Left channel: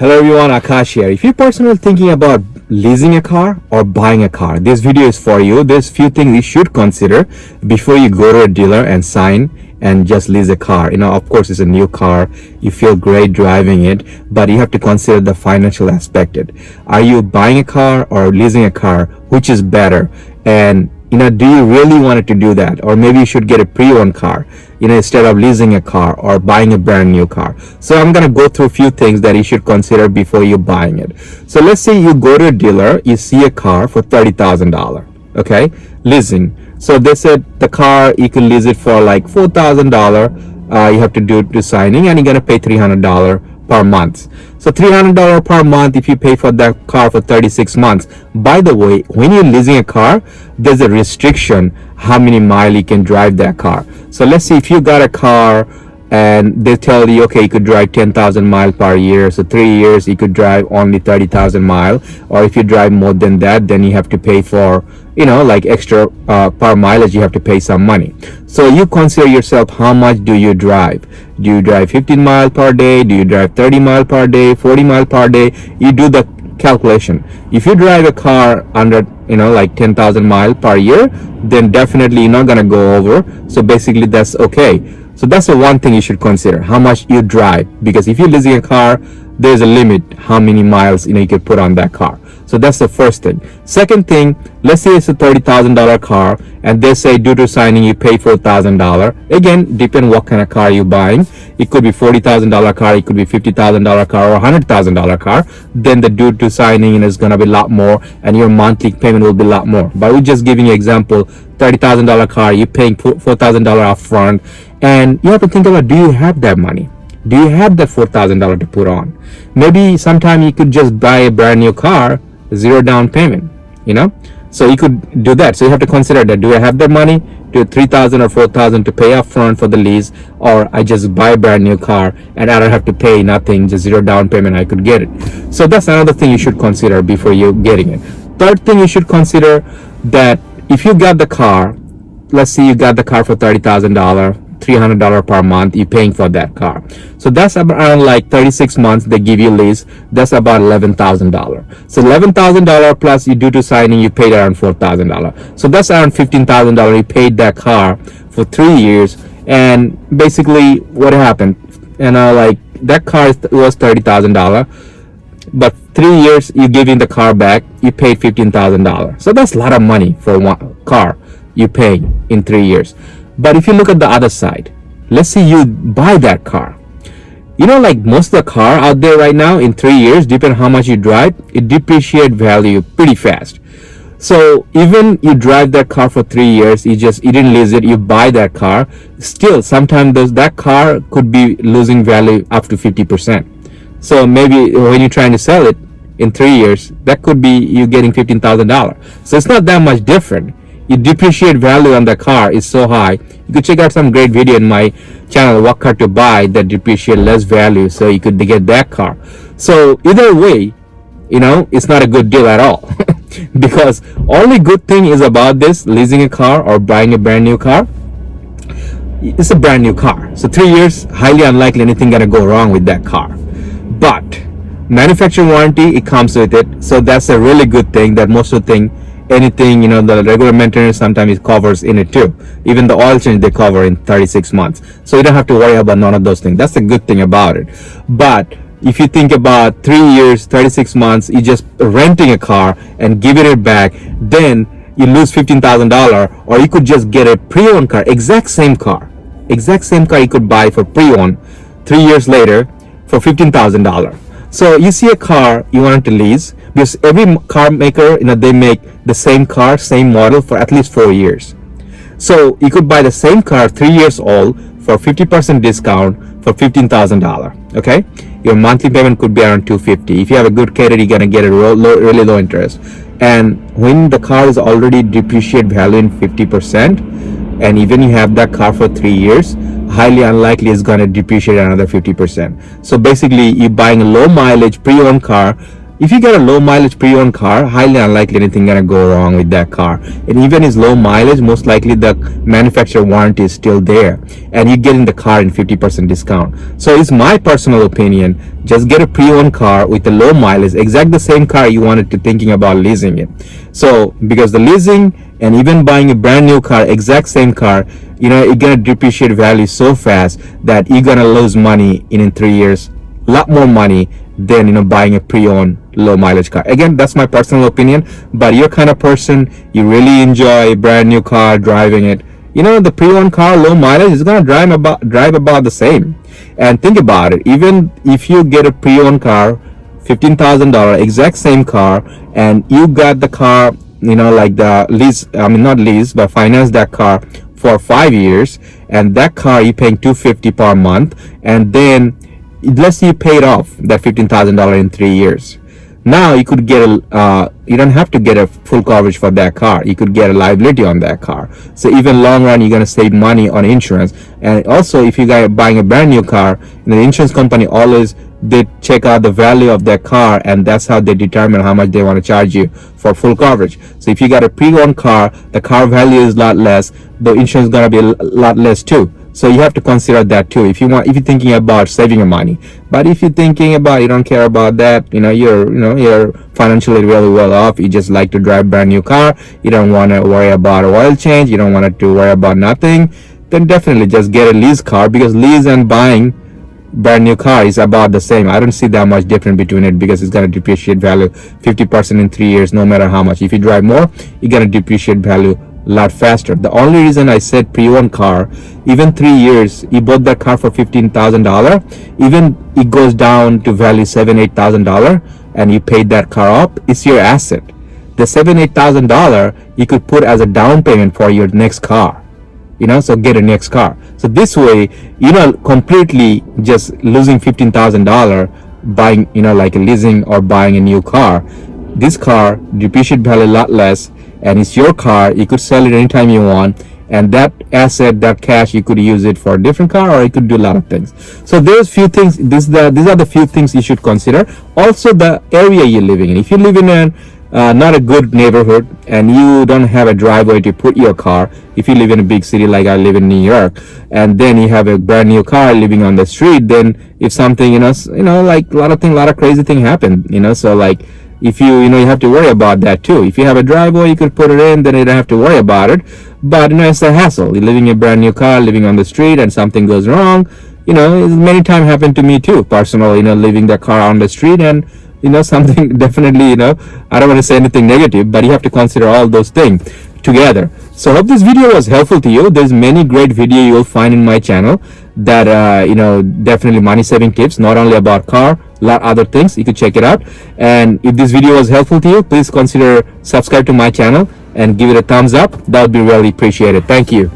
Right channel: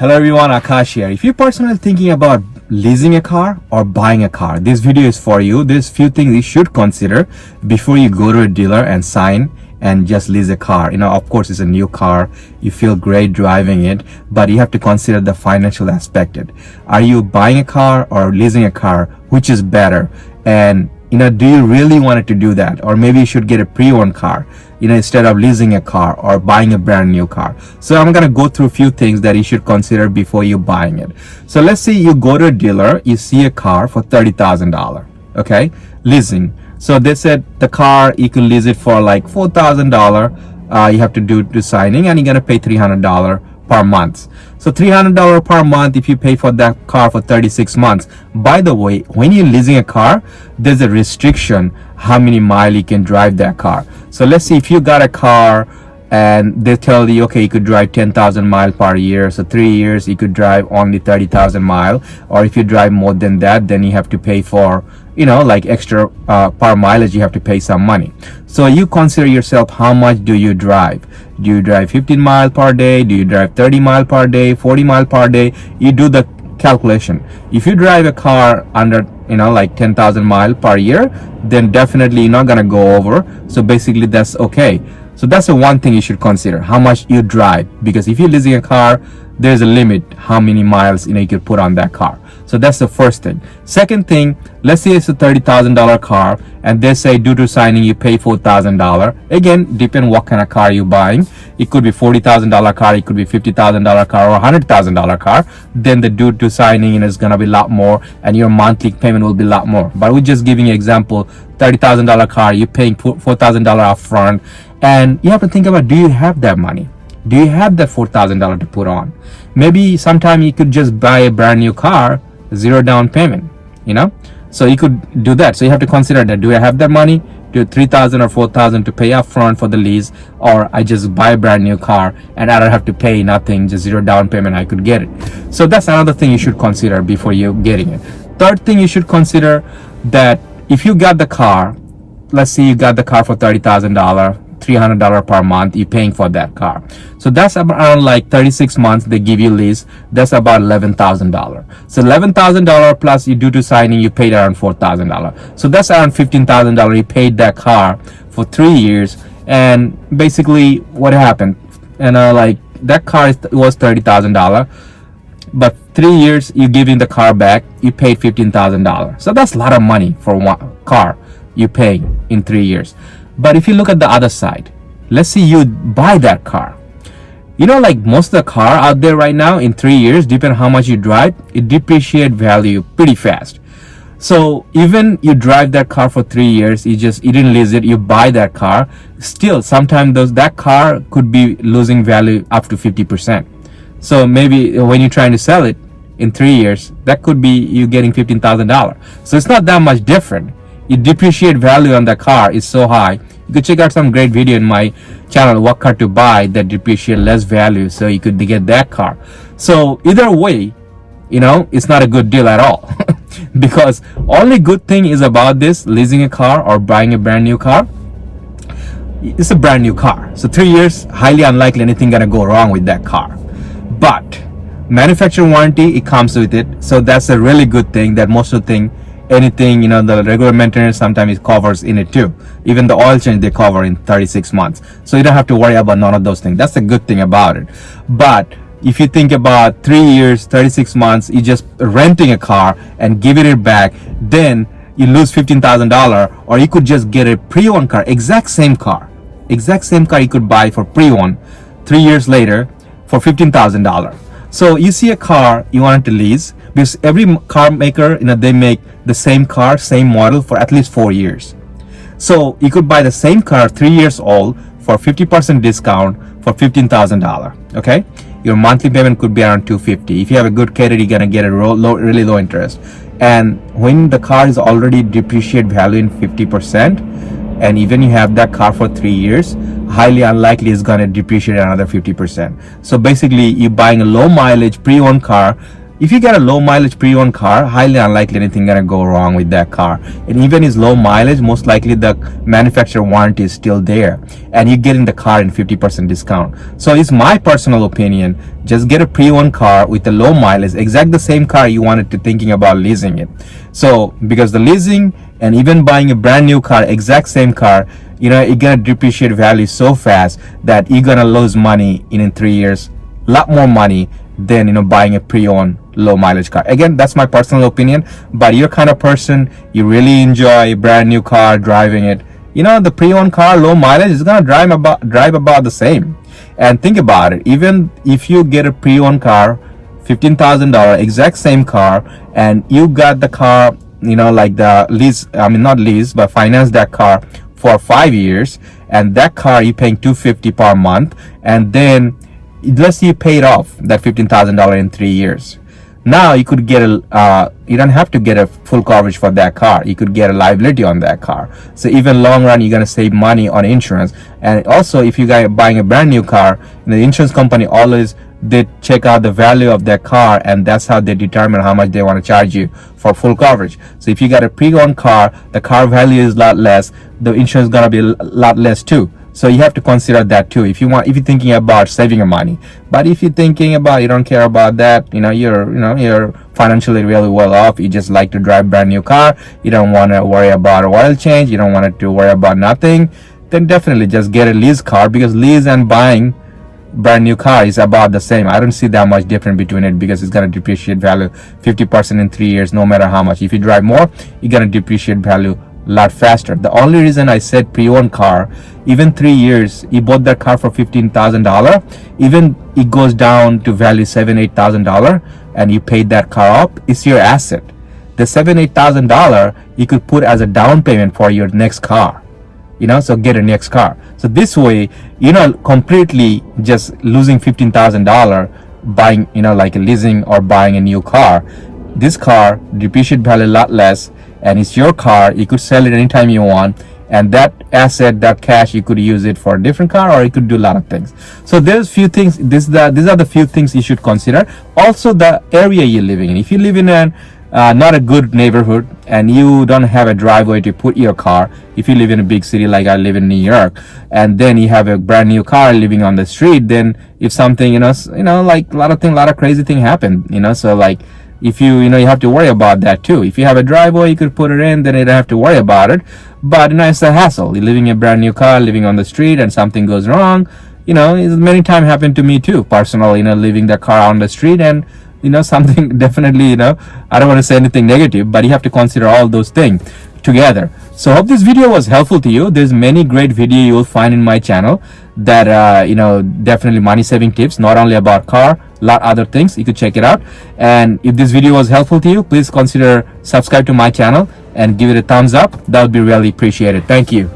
Hello everyone, Akash here. If you're personally thinking about leasing a car or buying a car, this video is for you. There's few things you should consider before you go to a dealer and sign and just lease a car. Of course, it's a new car. You feel great driving it, but you have to consider the financial aspect. Are you buying a car or leasing a car? Which is better? And do you really want to do that? Or maybe you should get a pre-owned car, instead of leasing a car or buying a brand new car. So I'm going to go through a few things that you should consider before you're buying it. So let's say you go to a dealer, you see a car for $30,000, okay? Leasing. So they said the car, you can lease it for like $4,000. You have to do the signing and you're going to pay $300 per month. So $300 per month if you pay for that car for 36 months. By the way, when you're leasing a car, there's a restriction how many miles you can drive that car. So let's see, if you got a car and they tell you, okay, you could drive 10,000 miles per year. So 3 years, you could drive only 30,000 miles. Or if you drive more than that, then you have to pay for, like extra per mileage, you have to pay some money. So you consider yourself, how much do you drive? Do you drive 15 miles per day? Do you drive 30 miles per day, 40 miles per day? You do the calculation. If you drive a car under, like 10,000 miles per year, then definitely you're not going to go over. So basically that's okay. So that's the one thing you should consider, how much you drive. Because if you're leasing a car, there's a limit how many miles, you can put on that car. So that's the first thing. Second thing, let's say it's a $30,000 car and they say due to signing you pay $4,000. Again, depend what kind of car you're buying. It could be $40,000 car, it could be $50,000 car or $100,000 car. Then the due to signing is going to be a lot more and your monthly payment will be a lot more. But we're just giving you an example, $30,000 car, you're paying $4,000 up front. And you have to think about, do you have that money? Do you have that $4,000 to put on? Maybe sometime you could just buy a brand new car, zero down payment, so you could do that. So you have to consider that, do I have that money, do $3,000 or $4,000 to pay up front for the lease, or I just buy a brand new car and I don't have to pay nothing, just zero down payment, I could get it. So that's another thing you should consider before you getting it. Third thing you should consider, that if you got the car, let's say you got the car for $30,000, $300 per month, you're paying for that car. So that's around like 36 months they give you lease. That's about $11,000. So $11,000 plus you do to signing, you paid around $4,000. So that's around $15,000. You paid that car for 3 years. And basically what happened, like that car was $30,000. But 3 years you giving the car back, you paid $15,000. So that's a lot of money for one car you paying in 3 years. But if you look at the other side, let's say you buy that car. Like most of the car out there right now, in 3 years, depending on how much you drive, it depreciate value pretty fast. So even you drive that car for 3 years, you didn't lease it, you buy that car, still sometimes that car could be losing value up to 50%. So maybe when you're trying to sell it in 3 years, that could be you getting $15,000. So it's not that much different. You depreciate value on the car is so high. You could check out some great video in my channel, what car to buy that depreciate less value, so you could get that car. So either way, it's not a good deal at all. Because only good thing is about this, leasing a car or buying a brand new car, it's a brand new car. So 3 years, highly unlikely anything gonna go wrong with that car. But manufacturing warranty, it comes with it. So that's a really good thing, that most of the thing, anything, the regular maintenance, sometimes it covers in it too. Even the oil change they cover in 36 months. So you don't have to worry about none of those things. That's the good thing about it. But if you think about 3 years, 36 months, you just renting a car and giving it back, then you lose $15,000. Or you could just get a pre-owned car, exact same car you could buy for pre-owned 3 years later for $15,000. So you see a car you want to lease, because every car maker, they make the same car, same model for at least 4 years. So you could buy the same car 3 years old for 50% discount for $15,000. Okay, your monthly payment could be around $250. If you have a good credit, you're gonna get a really low interest. And when the car is already depreciate value in 50%, and even you have that car for 3 years, highly unlikely it's gonna depreciate another 50%. So basically, you're buying a low mileage pre-owned car if you get a low mileage pre-owned car, highly unlikely anything gonna go wrong with that car. And even is low mileage, most likely the manufacturer warranty is still there, and you get in the car in 50% discount. So it's my personal opinion, just get a pre-owned car with a low mileage, exact the same car you wanted to thinking about leasing it. So because the leasing and even buying a brand new car, exact same car, it's gonna depreciate value so fast that you're gonna lose money in 3 years, a lot more money than buying a pre-owned low mileage car. Again, that's my personal opinion, but you're kind of person, you really enjoy a brand new car, driving it, the pre-owned car, low mileage, is gonna drive about the same. And think about it, even if you get a pre-owned car, $15,000, exact same car, and you got the car, like the lease, not lease, but finance that car for 5 years, and that car you're paying $250 per month, and then let's say you paid off that $15,000 in 3 years. Now you could get you don't have to get a full coverage for that car. You could get a liability on that car. So even long run, you're gonna save money on insurance. And also, if you guys are buying a brand new car, the insurance company always they check out the value of that car, and that's how they determine how much they want to charge you for full coverage. So if you got a pre-owned car, the car value is a lot less, the insurance is gonna be a lot less too. So you have to consider that too if you're thinking about saving your money. But if you're thinking about you don't care about that, you're financially really well off, you just like to drive brand new car, you don't want to worry about oil change, you don't want to worry about nothing, then definitely just get a lease car, because lease and buying brand new car is about the same. I don't see that much difference between it, because it's going to depreciate value 50% in 3 years no matter how much. If you drive more, you're going to depreciate value a lot faster. The only reason I said pre-owned car, even 3 years, you bought that car for $15,000, even it goes down to value $7,000-8,000, and you paid that car up, it's your asset. The $7,000-8,000 you could put as a down payment for your next car, so get a next car. So this way, completely just losing $15,000 buying, like leasing or buying a new car. This car depreciate value a lot less, and it's your car. You could sell it anytime you want, and that asset, that cash, you could use it for a different car, or you could do a lot of things. So there's few things. These are the few things you should consider. Also, the area you're living in. If you live in not a good neighborhood and you don't have a driveway to put your car, if you live in a big city like I live in New York, and then you have a brand new car living on the street, then if something, like a lot of crazy thing happen, so like, if you have to worry about that too. If you have a driveway, you could put it in, then you don't have to worry about it. But it's a hassle. You're living in a brand new car, living on the street, and something goes wrong. It's many times happened to me too, personally. Leaving the car on the street, and something definitely. I don't want to say anything negative, but you have to consider all those things together. So I hope this video was helpful to you. There's many great video you'll find in my channel that definitely money saving tips, not only about car, lot other things. You could check it out. And if this video was helpful to you, please consider subscribe to my channel and give it a thumbs up. That would be really appreciated. Thank you.